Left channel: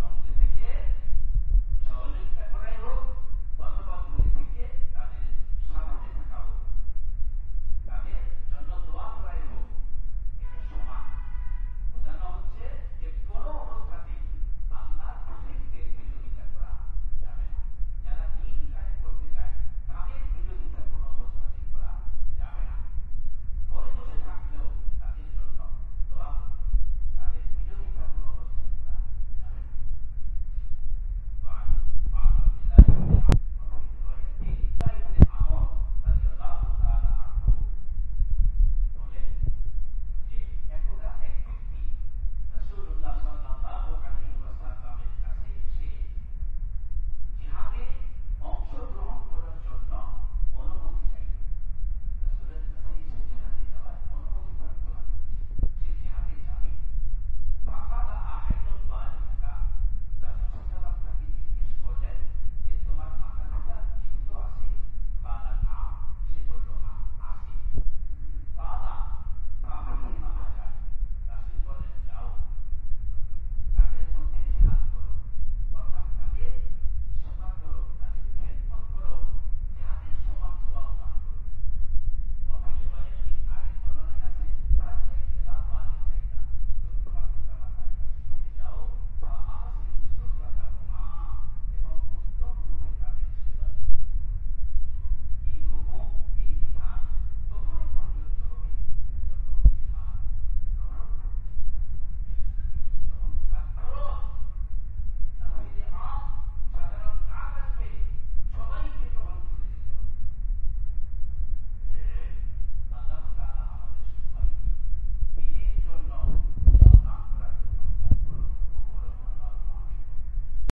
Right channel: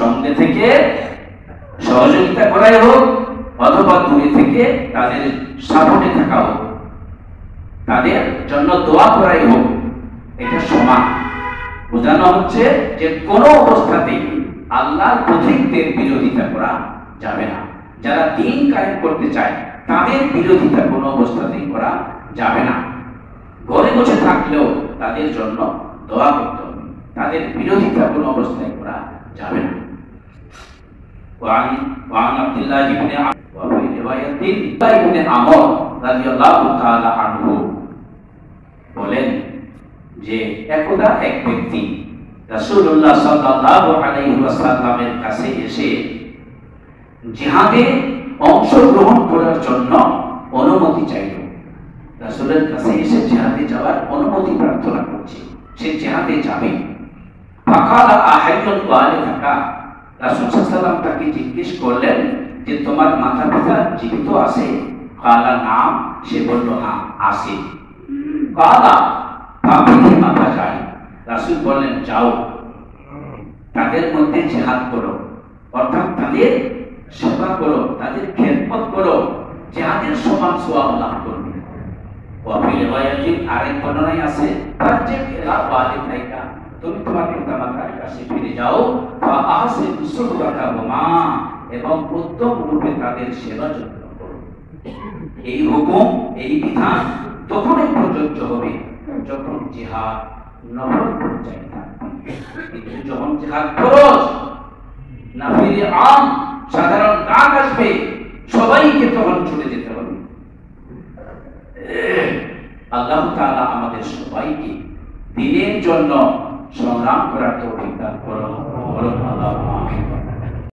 সঙ্গে থেকে সহযোগিতা করাই হোক অথবা দূরে থেকে তাদের সাপোর্টে থাকা হোক, তাদের জন্য দোয়া করাই হোক, এটা সমান। বোঝানো হচ্ছে যে কোনো অবস্থাতেই আল্লাহর পথিকদের বিরোধিতা করা যাবে না। যারা দ্বীন কায়েম করতে চায় তাদের বিরোধিতা কোনো অবস্থাতেই করা যাবে না। ঘরে বসে থাকলেও তাদের জন্য দোয়া করতে হবে, তাদের বিরোধিতা কোনো অবস্থায় করা যাবে না। وعن عبد الله بن عمرو وفي رواية ابن عمر رضي الله تعالى عنه বলেন যে একদা এক ব্যক্তি রাসূলুল্লাহ সাল্লাল্লাহু আলাইহি ওয়াসাল্লামের কাছে এসে জিহাদে অংশগ্রহণ করার জন্য অনুমতি চাইল। রাসূলের কাছে এসে জিহাদে যাওয়ার অনুমতি প্রার্থনা করছে, সে জিহাদে যাবে। ফাকালা আহাইয়ুন ওয়ালিদাকা, রাসূল সাল্লাল্লাহু আলাইহি ওয়াসাল্লাম তাকে জিজ্ঞেস করলেন যে তোমার মাতা-পিতা জীবিত আছে? কালা নাম, সে বলল হ্যাঁ আছে। কালা ফাবিহি মাতা যায়, রাসূল বললেন যাও তাদের মধ্যে জিহাদ করো, অর্থাৎ তাদের সেবা করো, তাদের খেদমত করো, জিহাদের সমান সওয়াব লাভ করবে। ওয়াফি রিওয়ায়াতিন আরেক বর্ণনায় আছে ফারজি ইলা ওয়ালিদাইকা, তুমি তোমার পিতামাতার কাছে ফিরে যাও, ফা আহসিন সুহবাতাহুমা, এবং উত্তম রূপে তাদের সেবা যত্ন করো। এই হুকুম, এই বিধান তখনই প্রযোজ্য হবে যখন জিহাদ নফল পর্যায়ে থাকবে। কিন্তু যখন জিহাদ ফরজ, নাফিলে আম, সাধারণ ডাক আসবে, সবাইকে তখন ছুটে যেতে হবে। আল্লাহ তাআলা আমাদের সবাইকে দ্বীনের জন্য সংগ্রাম করার তৌফিক দান করুন।